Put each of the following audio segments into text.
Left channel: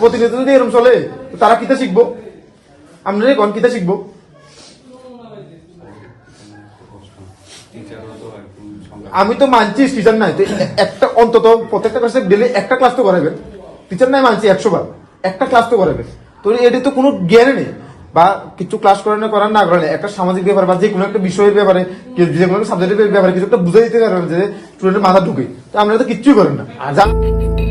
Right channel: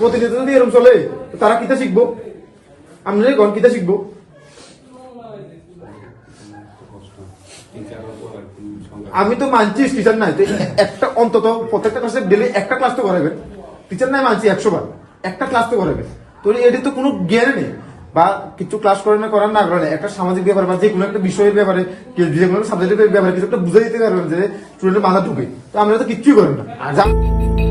প্রতিনিয়ত যদি এরকম চলে তারা কিতা শিখব? আমরা কোন কিতা শিখব? আমি তো মানছি টিচার নাই, তো একটা অন্তত প্রত্যেকটা ক্লাসে ডেলি একটা ক্লাস তো করাবেন টিচার নাই মানছি একশো বার, একটা ক্লাস তো করাবেন তো এটা তো কোনো জ্ঞানে নেই। বা কিছু ক্লাস করানো করার না করালে একটা সামাজিক ব্যাপার বা যে কোনো একটা বিষয়ের ব্যাপারে, যে কোনো সাবজেক্টের ব্যাপারে কিছু একটা বুঝে দিতে পারবেন যে স্টুডেন্টের মাথা ঢুকে। তো আমরা তো কিচ্ছুই করেন না। যা-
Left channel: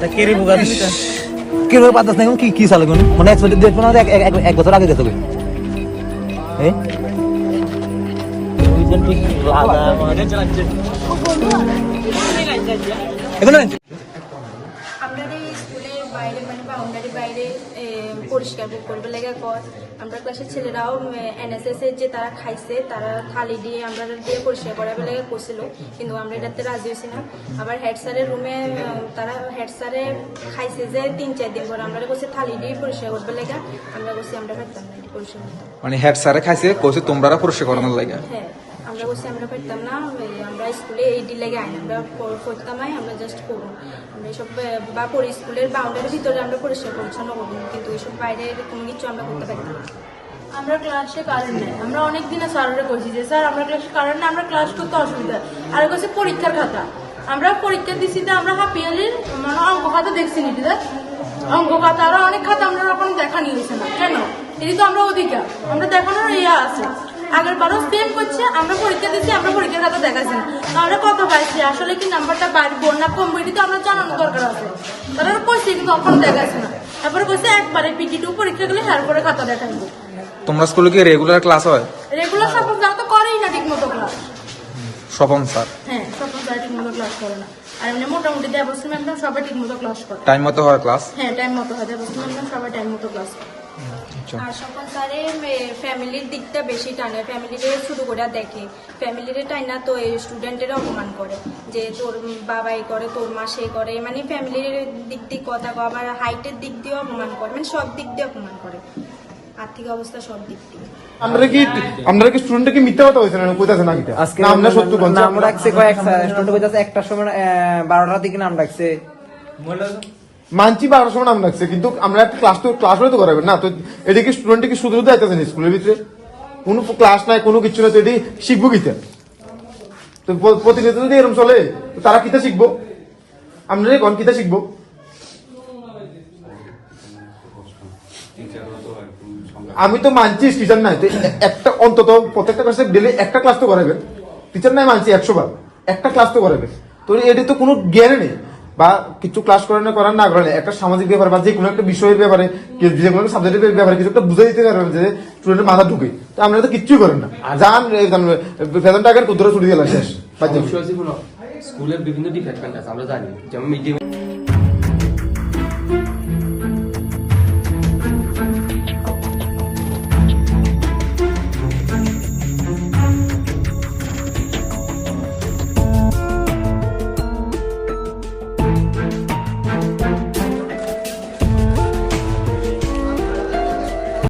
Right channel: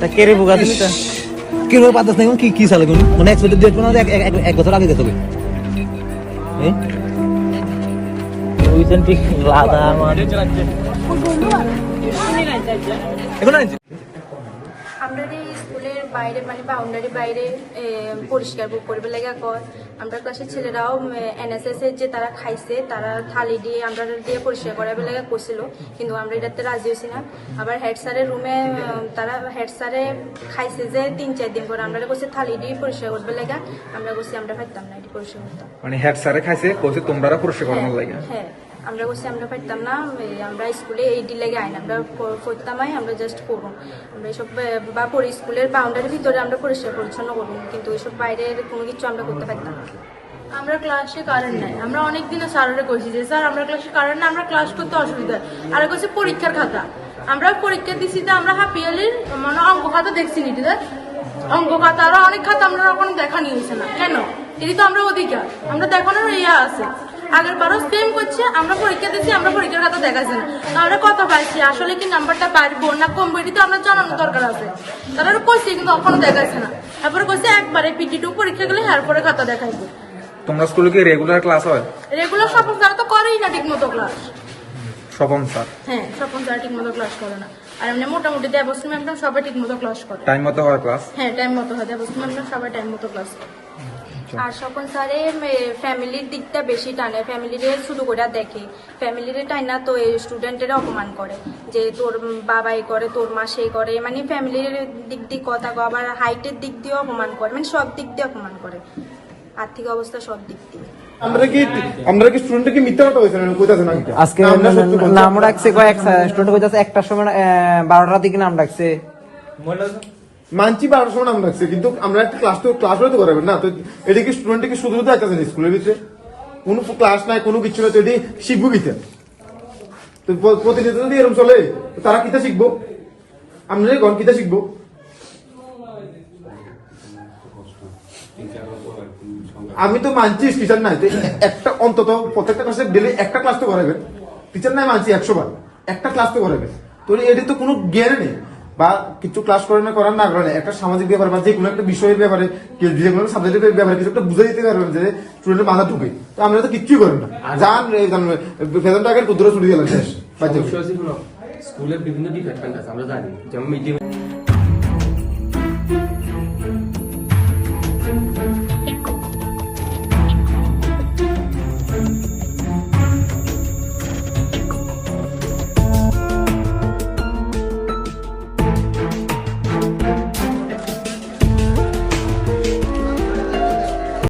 তা কে রে বোকা দিলি কি পাতাস না কি কি সালে কোন মানে এক্সপেক্টেড ডেট মানে এক এক- এক- এক বছর আগে গেছে হ্যাঁ রিসেন্টলি এই স্কুলের বাইরে মানে বাউন্ডারি বাইরে পরিষ্কার করবে লেগে কর? আমরা ক্লাসের ছেলেরাও এনএসএস এর যে তারা খাইছে তারা থালি দিয়ে আমরা দিয়ে পরিষ্কার করাবে লেগে করছিল। কিন্তু আমরা এটাতে রাজি হয়েছি না। আবার হেড স্যারের রুমে তারা হেড স্যারে খাইছে যে তিন চার দিন পরে। আমরা করছি থালি দিয়ে পরিষ্কার করবে লেগে। আমরা করছি আমরা পারতাম না এটি পরিষ্কার করতাম। মানে হেড স্যারে খাইছে কইছে তোমরা পরিষ্কার করানোর লাগে। হ্যাঁ। আমরা বলছি, আমরা পারতাম না আমরা স্কুলে এই ডি লেগে আইন, আমরা করতাম আমরা জাস্ট করব। আমরা এইসব বা পরি স্কুলের বাউন্ডারির ভিতরে আমরা পরিষ্কার পরিচ্ছন্ন করব, কিন্তু এইসব বাইরের কোনো কিছু আমরা করতে পারতাম না। আমরা ক্লাসে কারেন্ট নাই। আমরা অনেক দিনে স্যারের কইছি যে, স্যার, আমরা ক্লাসে কারেন্ট নাই, আমরা ক্লাস করতে অসুবিধা আর কইছে, পরীক্ষার খাতা। আমরা পরীক্ষা দিছি তো, আমরা হাফ ইয়ারলির মানে অঙ্ক খাতা দেখছি নিতে দেখ অঙ্ক খাতা, আরও অনেক খাতা আমরা ওখানে দেখা নিয়েছে না। কেন? এটি তো আমরা অধিকার। আমরা দেখানোর ইয়া আছে। আগের বারও সেম করছে আমরা পরীক্ষা দিচ্ছি আমরা পরীক্ষার খাতা দেখাচ্ছি না তাহলে কথা পাইছি আসলে কি নাম্বারটা বাড়বো না কমবো এটি তো আমরা জানানোর দরকার আছে। তারা কইছে কিন্তু এখনও দেখাচ্ছে না। তারপরে কইছে একবারে পিটি টু পরীক্ষা গেলে হ্যার পরে খাতা দেখাইবো। তোমরা স্কুলে কি রেগুলার ক্লাস হয়? রেগুলার স্বপন স্যার তো করেই না ঠিক মতো ক্লাস স্বপন স্যার? হ্যাঁ স্বপন স্যার ঠিক মতো ক্লাস করে না। আর এমনি মোটামুটি দেবশ্রী ম্যাম সবাই ঠিক মতো ক্লাস করে। টাইম মতো হয় ক্লাস হ্যাঁ টাইম মতো হয়। দেবশ্রী ম্যাম সবাই টাইম মতো ক্লাস করে। স্যারে ফ্যামিলির দিকটা বেশি টানে। ফ্যামিলিরে শুরু করে দেখে। ফ্যামিলির টাইনা তো স্টুডেন্টের অপমান করে। যে তোর বাবাই করে তোর মা সেই করে। মানে ফ্যামিলির দিক দিয়ে কথা আবার হাইটের দিক দিয়ে অপমান করে। মানে সব দিক দিয়ে অপমান করে। আর্থিক অবস্থা সব দিক দিয়ে। আমরা কি আমরা কি স্টুডেন্টকে মিথ্যা কথা হয়েছে না কোথায় আজকে না, আমরা সত্যি বলছি। নাম ডাকছে কয়েক স্টুডেন্ট হইতাছে একটার সময় বারোটার দিকে নাম ডাকছে। মানছি বারো সময় নাম লাগছে, কিন্তু আমরা একটা ক্লাস তো ক্লাস হলে তো করাবেন না। তো এটা কি স্টুডেন্ট কি শুধু দায়িত্ব না স্কুলের ভিতরে? কোনো ক্লাস নাই, কোনো কিছু না তো এটি শিখব কিতা? তো প- প্রতিনিয়ত যদি এরকম চলে তারা কিতা শিখব? আমরা কোন কিতা শিখব? আমি তো মানছি টিচার নাই, তো একটা অন্তত প্রত্যেকটা ক্লাসে ডেলি একটা ক্লাস তো করাবেন টিচার নাই মানছি একশো বার, একটা ক্লাস তো করাবেন তো এটা তো কোনো জ্ঞানে নেই। বা কিছু ক্লাস করানো করার না করালে একটা সামাজিক ব্যাপার বা যে কোনো একটা বিষয়ের ব্যাপারে যে কোনো সাবজেক্টের ব্যাপারে কিছু একটা বুঝে দিতে পারবেন যে স্টুডেন্টের মাথা ঢুকে। তো আমরা তো কিচ্ছুই করি না। যান বেতন টাকার কুদ্র ছুটি গেলাম শেষ। স্কুলের বিভিন্ন ডিপার্টমেন্ট আছে আমরা জানি। যেমন মিড